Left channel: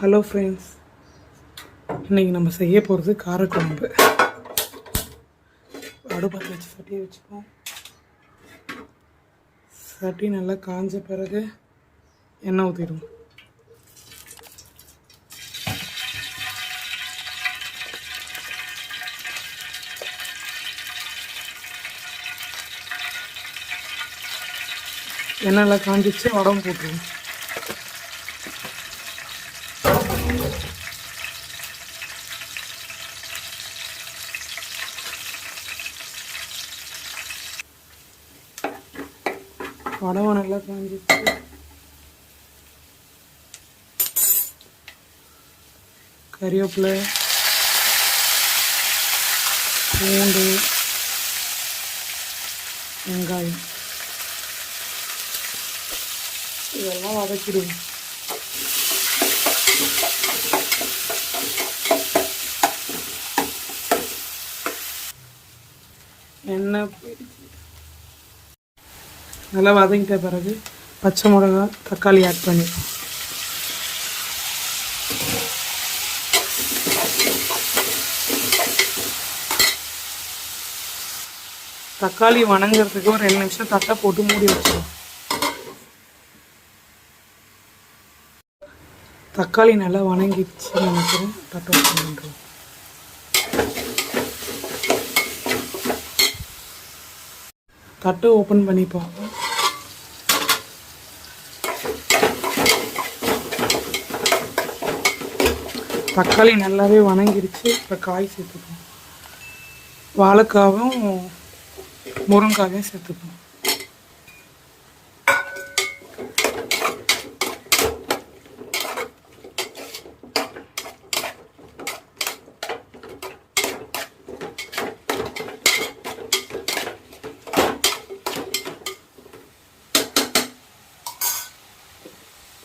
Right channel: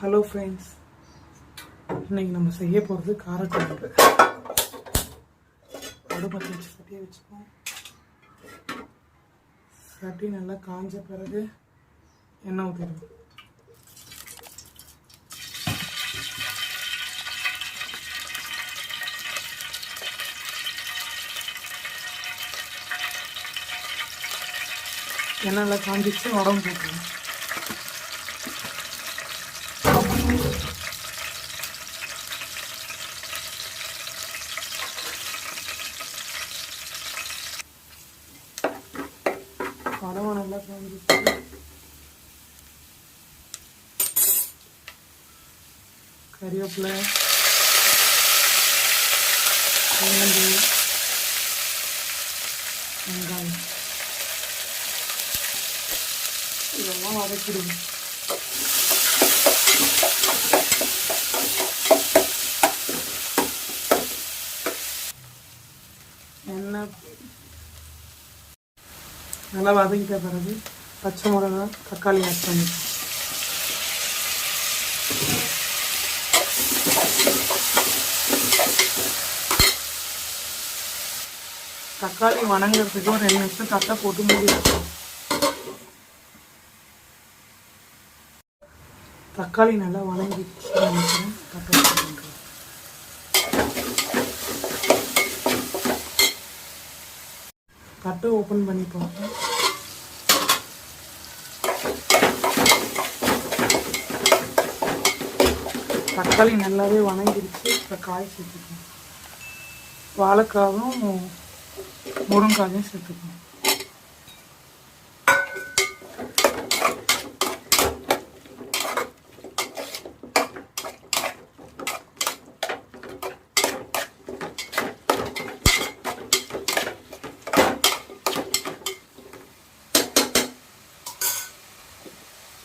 Hello friends, இன்றைக்கி நம்ம செய்ய போகிறது காரக்குழம்பு. அடுப்பத்தை வச்சு சட்டியை வச்சுப்போம். சட்டி நல்லா காஞ்ச பிறகு எண்ணெய் ஊற்றிடும். எண்ணெய்லாம் காஞ்சிச்சு, வடகம் போட்டுருவோம். வடகம் நல்லா காஞ்சிச்சு. கறிவேப்பிலை, பூண்டு, வெங்காயம் இதெல்லாம் வதக்கிடுவோம். எண்ணெய் நல்லா வதங்கிட்ட பிறகு பச்சை மிளகா, தக்காளி ஆட் பண்ணிப்போம். தக்காளி வணங்குறதுக்கு ஒரு 2 நிமிஷம் தட்டை போட்டு மூடி வச்சோம். தக்காளி நல்லா வணங்கிடுச்சு. தட்டை பண்ணுறோம். தட்டை ஓப்பன் பண்ணிப்போம். தக்காளி நல்லாவே வணங்கிடுச்சு. இப்போ காய் சேர்த்துக்கணும். வாழைக்காவும் முருங்காயும் சேர்த்துக்கணும்.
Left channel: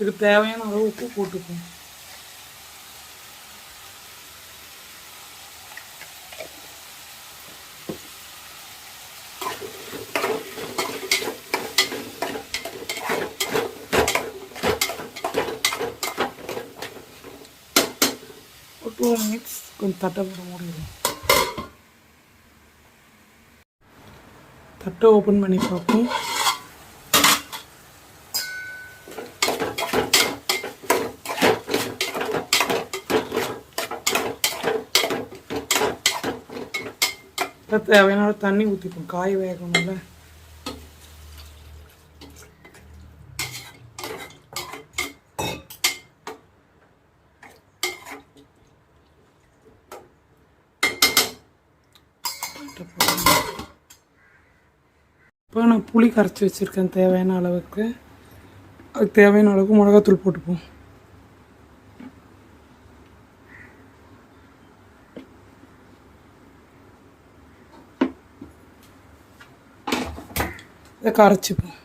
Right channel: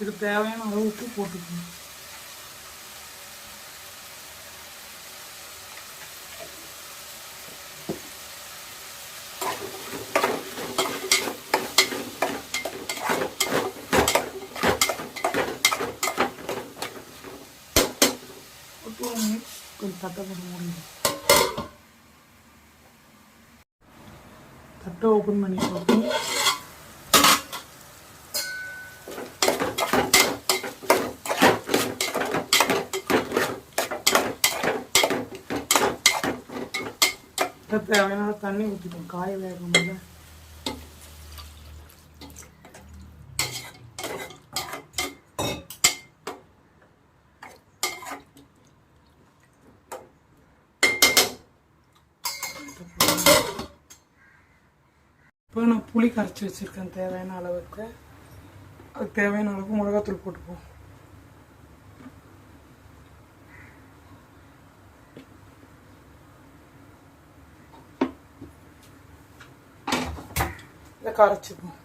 இதுக்கு தேவையான அளவு உப்பு போட்டுக்கணும். ஒரு 2 மினிட்ஸ் கொஞ்சம் தட்டை போட முடியும். தட்டை ஓப்பன் பண்ணி பார்ப்போம். தேவையான தண்ணி ஊற்றிப்போம். காய் வேகணும்ல. இப்போ நான் புளி கரைச்சி வச்சுருக்கேன் தேவையான அளவுக்கு. அதுக்கு தேவையான அளவுக்கு மிளகாத்தூள் போட்டுப்போம். இதை கரைச்சிப்போம்.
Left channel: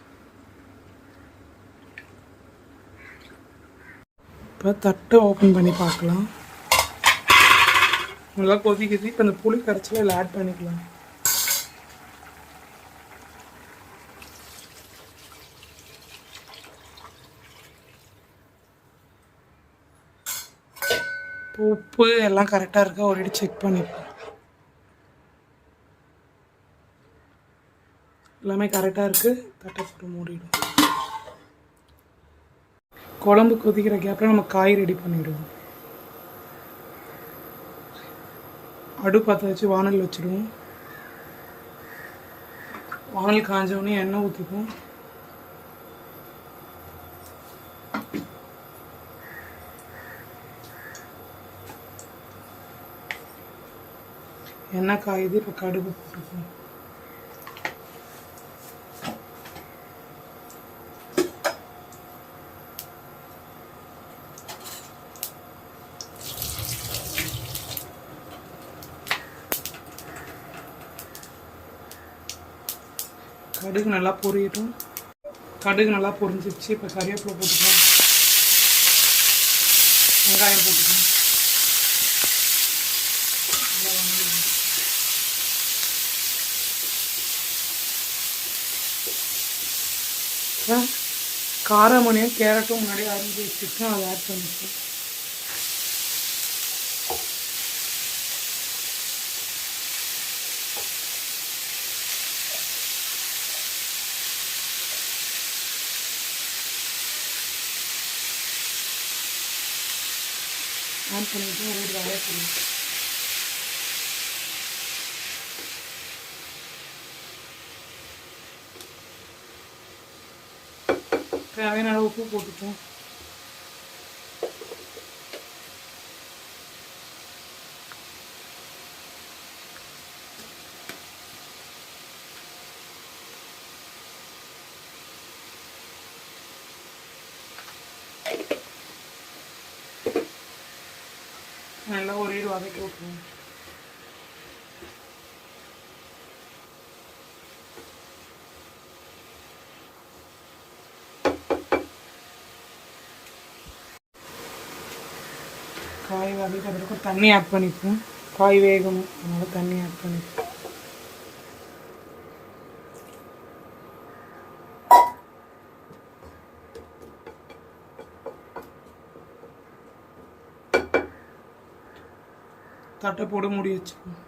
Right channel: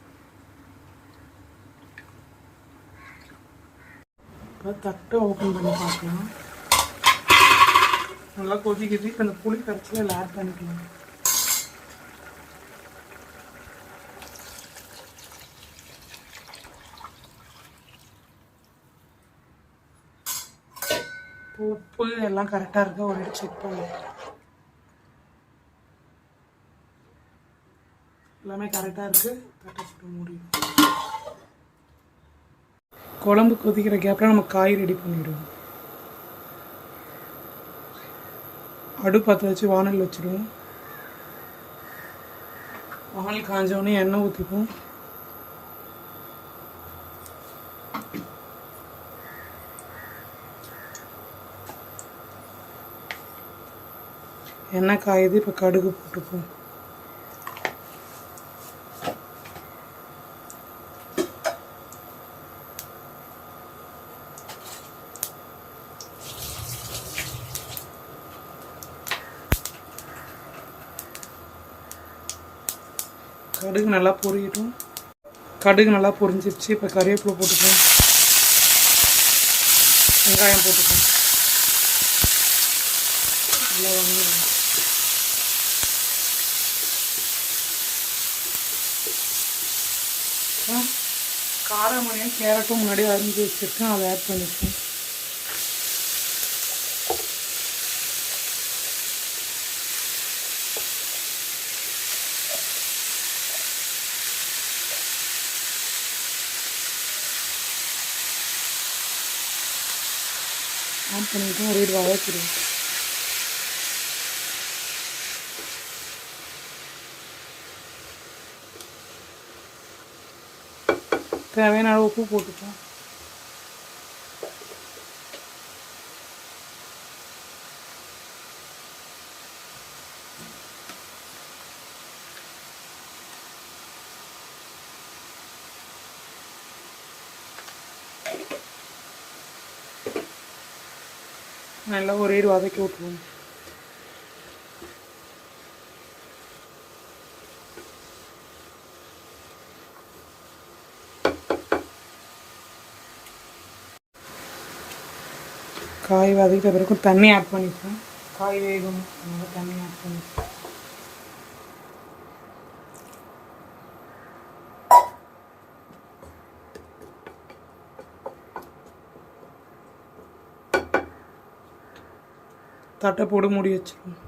இப்போ தட்டை ஓப்பன் பண்ணி பார்க்கலாம். நல்லா கொதிக்குது. இப்போ இந்த புளி கரைச்சியில் இதில் ஆட் பண்ணிக்கலாம். உப்பு எல்லாம் கரெக்டாக இருக்கா ஒரு வாட்டி செக் பண்ணிப்போம். எல்லாமே கரெக்டாக இருக்குது. தட்டை போட்டு மூடிடும். குழம்பு கொதிக்கிற கேப்பில் நம்ம காய் ரெடி பண்ணிவிடுவோம். அடுப்பத்தை வச்சு வானல் வச்சுடுவோம். வானல் காஞ்சோடனே எண்ணெய் ஊற்றிப்போம். எண்ணெய் காயுது. இப்போ கடுகு போட்டுப்போம். கடுகு நல்லா பொரியட்டும். கடுகு நல்லா பொரிஞ்சிருச்சு. இப்போ கறிவேப்பிலை போட்டுப்போம். வெங்காயம் போட்டுப்போம். நல்லா வணங்கிடும். காரமணியும் கேரட்டும் முன்னாடி அரிஞ்சு வச்சுருக்கேன். அதை ஆட் பண்ணிப்போம். ஆட் பண்ணிவிட்டு ஒரு இது வதக்கிடுவோம். தேவையான அளவு உப்பு போட்டுப்போம். நல்லா ஒரு இது வதக்கி விட்டுருவோம். காய் வதக்கிட்ட பிறகு தண்ணி ஆட் பண்ணிப்போம். காய் வேகும், அதனால தண்ணி ஆட் பண்ணிப்போம். தட்டை போட்டு மூடி வச்சுக்கணும்.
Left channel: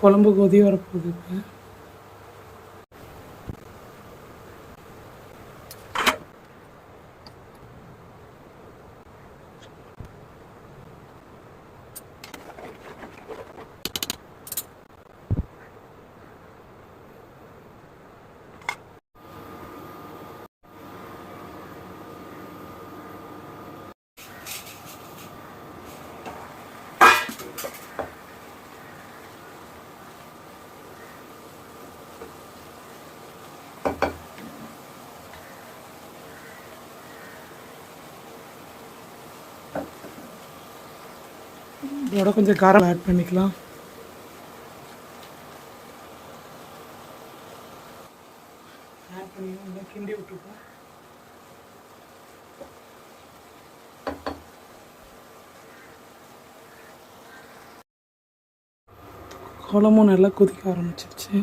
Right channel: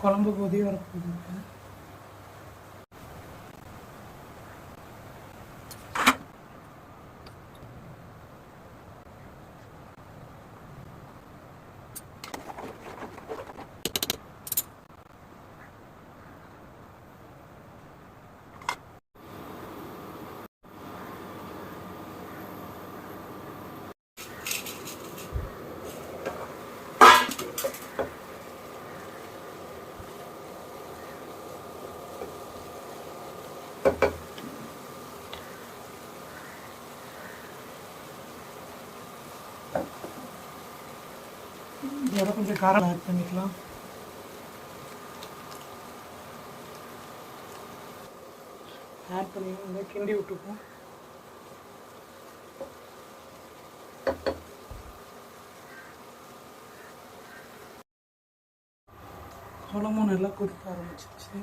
குழம்பு கொதி வரப்போகுது. இதோட கொஞ்சம் காரம் ஆட் பண்ணிக்கலாம். ஆட் பண்ணி கிண்டி விட்டுப்போம். குழம்பும் நல்லா கொதிக்க ஆரம்பிச்சிருச்சு.